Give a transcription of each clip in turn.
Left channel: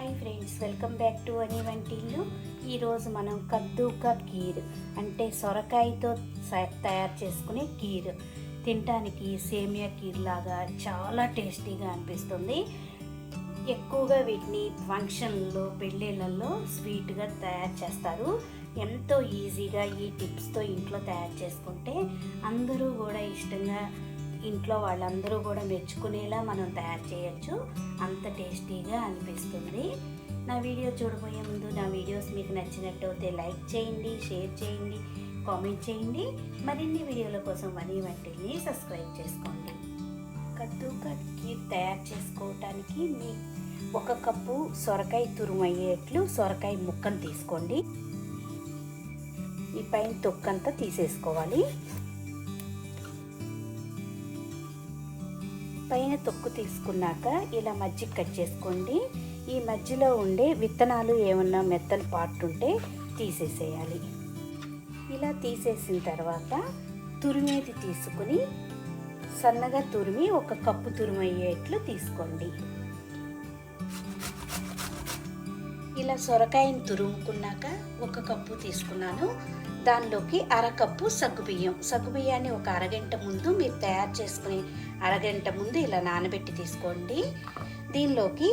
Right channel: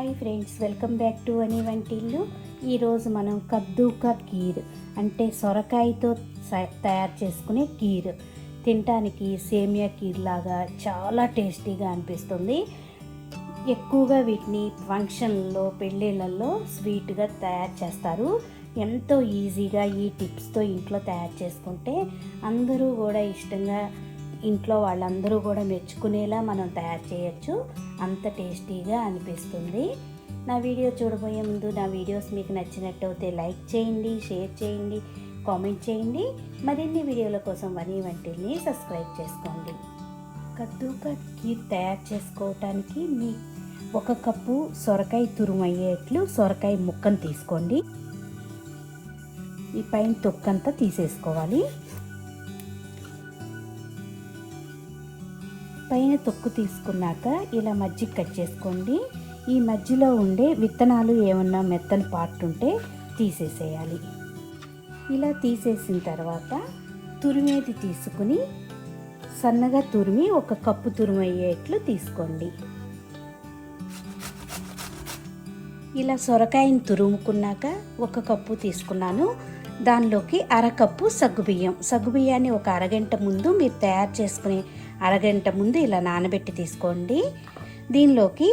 Hi friends, welcome back to Vani Vantillu. ఈరోజు మనం కద్దు కా కీర్ అంటే సొరకాయతో తయారు చేసుకునే కీర్ తినడానికి సేమియా కీర్ లాగా చాలా టేస్టీగా అనిపిస్తుంది. ఎక్కువగా వీటిని ఫంక్షన్లలో పెళ్ళిళ్ళల్లో స్వీట్గా తయారు చేస్తారు. ఎంతో ఈజీగా ఈ టిప్స్తో ఇంట్లో తయారు చేసుకుంటే అందరూ కూడా ఇష్టంగా ఇంట్లో వాళ్ళందరూ కూడా మెచ్చుకునేలా మనం తయారు చేయొచ్చు. అంత టేస్టీగా అనిపిస్తుంది. నా వీడియో చూడబోయే ముందు నా వీడియోస్ మీకు నచ్చినట్టయితే లైక్ చేయండి, షేర్ చేయండి, కామెంట్ చేయండి. మరిన్ని వీడియోల కోసం వని వంటిల్ని సబ్స్క్రైబ్ చేసుకోండి. కద్దు కా కీర్ తయారు చేసుకోవటానికి మీ 1 కప్పు సొరకాయ తురుము అయ్యేట్లు సొరకాయ ముక్కను తీసుకోండి. ఈ పైన తొక్కంతా తీసేసుకోవాలి. పైన తొక్కు తీసుకున్నాక ఇలా మధ్యకి కట్ చేసుకోండి. ఈ మధ్యలో ఉండే విత్తనాలు ఏమన్నా మెత్తని పార్ట్ ఉంటే తీసేసేయాలి. ఇలా తీసేసిన తర్వాత తురిమేది తీసుకుని సన్నగా తురిమి 1 కప్పు తురుము అయ్యేట్లు తీసుకోండి. ఇలా సొరకాయని తురుముకున్నాక 1 కప్పు తీసుకున్నాను. దానిలోకి 1/2 కప్పు సగ్గుబియ్యాన్ని ఒక అరగంట ముందు మీరు తయారు చేసుకునే అరగంట ముందు ఇలా నానబెట్టి తీసుకోండి. దీనిలోకి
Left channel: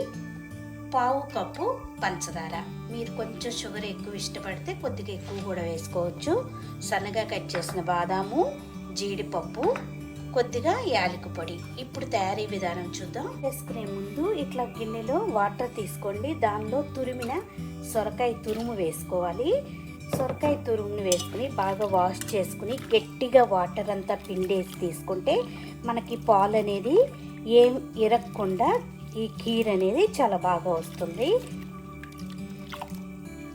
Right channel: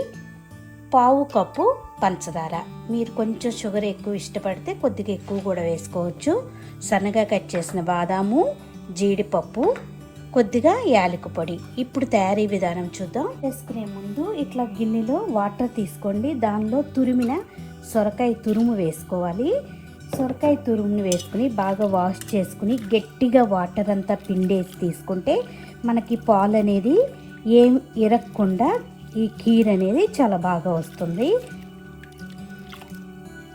1/4 కప్పు పంచదార, మీరు కొంచెం షుగర్ ఎక్కువ ఇష్టపడితే కొద్దిగా ఎక్కువ కూడా వేసుకోవచ్చు. సన్నగా కట్ చేసిన బాదాము, జీడిపప్పు, కొద్దిగా యాలకుల పొడి. ఇప్పుడు తయారీ విధానం చూద్దాం. వేసుకునే ముందు ఇట్లా గిన్నెలో వాటర్ తీసుకోండి. దానిలో తురిమిన సొరకాయ తురుము వేసుకోవాలి. సొరకాయ తురుమును వేసుకుని బాగా వాష్ చేసుకుని గట్టిగా వాటర్ అంతా పిండేసి తీసుకుంటే మనకి పాలు అనేది ఏం ఇరగకుండా ఈ కీర్ అనేది చాలా బాగా వస్తుంది.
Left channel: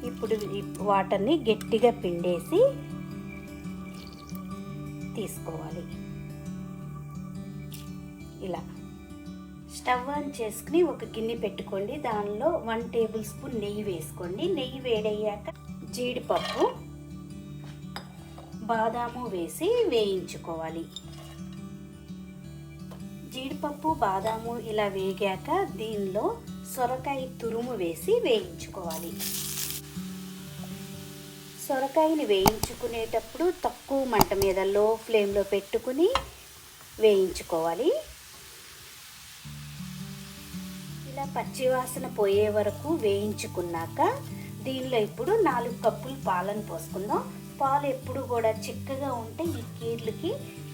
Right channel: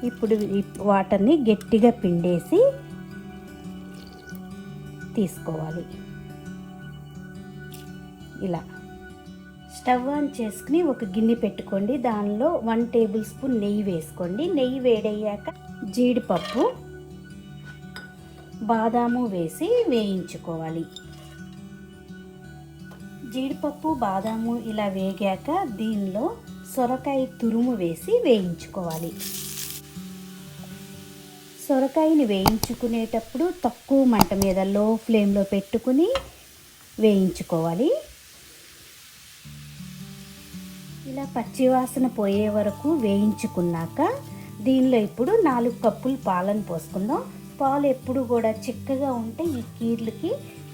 ఇప్పుడు ఈ వాటర్ని గట్టిగా పిండేసి తీసుకోవాలి. ఇలా స్టవ్ ఆన్ చేసుకుని ఒక గిన్నె పెట్టుకోండి. దానిలో 1 టేబుల్ స్పూన్ నెయ్యి వేసుకోండి. నెయ్యి వేడయ్యాక జీడిపప్పు, బాదాము వేసి వేయించుకోవాలి. జీడిపప్పు, బాదాము ఇలా వేగాక దీనిలో సొరకాయ తురుము వేసి వేయించుకోవాలి. సొరకాయని వేయించుకునేటప్పుడు తక్కువ మంట మీద లో ఫ్లేమ్లో పెట్టుకుని వేయించుకోవాలి. ఇలా పచ్చివాసన పోయే వరకు వేయించుకున్నాక దీనిలో ఇప్పుడు 4 కప్పులు పాలను పోసుకుందాం. పాలు ఎప్పుడు కూడా చిక్కగా ఉంటే ఈ కీర్లకి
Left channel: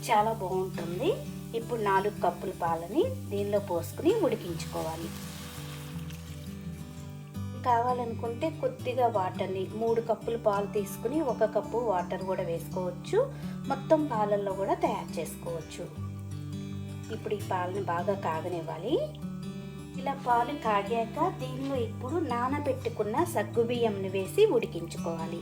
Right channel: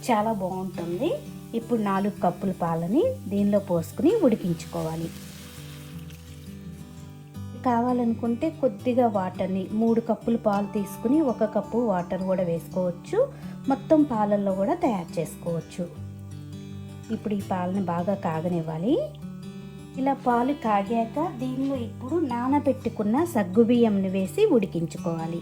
చాలా బాగుంటుంది. ఇప్పుడు 4 కప్పుల పాలని దీనిలో పోసుకుని ఉడికించుకోవాలి. కావాలనుకుంటే కొద్దిగా వాటర్ని 3 కప్పులు పాలు తీసుకుని 1 కప్పు వాటర్ కూడా వేసుకోవచ్చు. మొత్తం పాలల్లో కూడా తయారు చేసుకోవచ్చు. ఇప్పుడు ఈ పాలని బాగా కాగనివ్వాలి. ఇలా పాలు కాగాక దీనిలో ఇప్పుడు నానబెట్టుకున్న సగ్గుబియ్యంని వేసి ఉడికించుకోవాలి.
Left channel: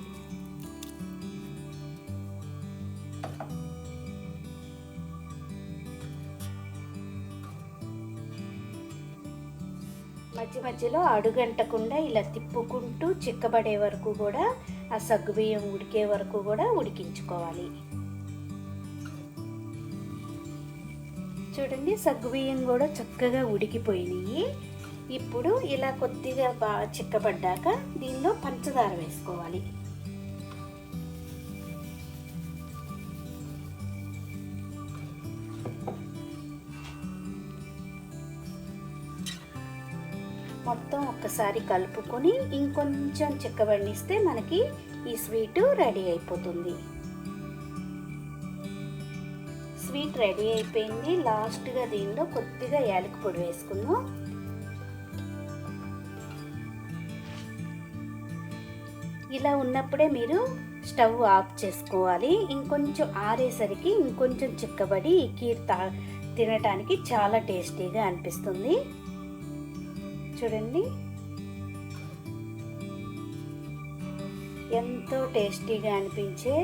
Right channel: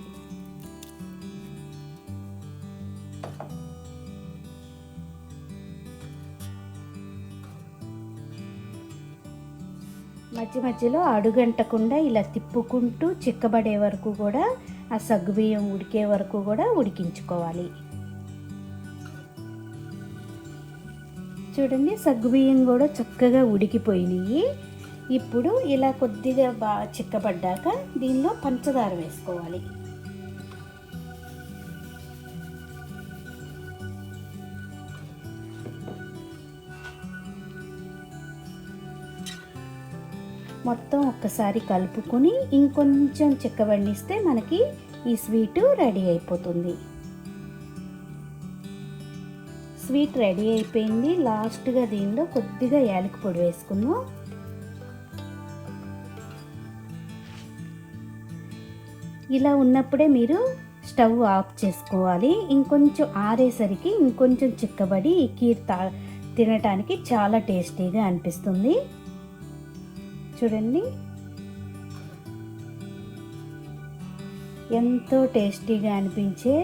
మధ్యలో అడుగంటకుండా ఇలా తిప్పుకుంటూ చిక్కబడే వరకు కూడా ఆ సగ్గుబియ్యం ఉడికే వరకు కూడా ఉడికించుకోవాలి. చూడండి, సగ్గుబియ్యం కూడా చక్కగా ఉడికిపోయినాయి. ఇప్పుడు ఇలా కొద్దిగా బాగా చిక్కబడ్డాక దీనిలో పంచదార వేసుకోవాలి. మొత్తం ఒక్కసారి కలుపుకొని ఇంకొంచెం చిక్కబడిస్తే మనకి ఈ స్వీట్ రెడీ అయిపోతుంది. స్వీట్ రెడీ అయిపోయింది. లాస్ట్గా దీనిలో కొద్దిగా యాలకుల పొడి వేసుకుందాం. ఇలా ఉన్నప్పుడే మీరు స్టవ్ ఆఫ్ చేసుకోవాలి. ఇంకొంచెం ఆరేసరికి ఇంకొంచెం చిక్కబడి ఈ కీర్ తినడానికి చాలా టేస్టీగా అనిపిస్తుంది. చూడండి, ఎంతో టేస్టీగా అనిపించే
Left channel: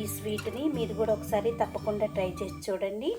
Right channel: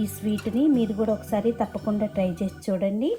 ఈ స్వీట్ని మీరు కూడా ఒకసారి తప్పకుండా ట్రై చేసి చూడండి.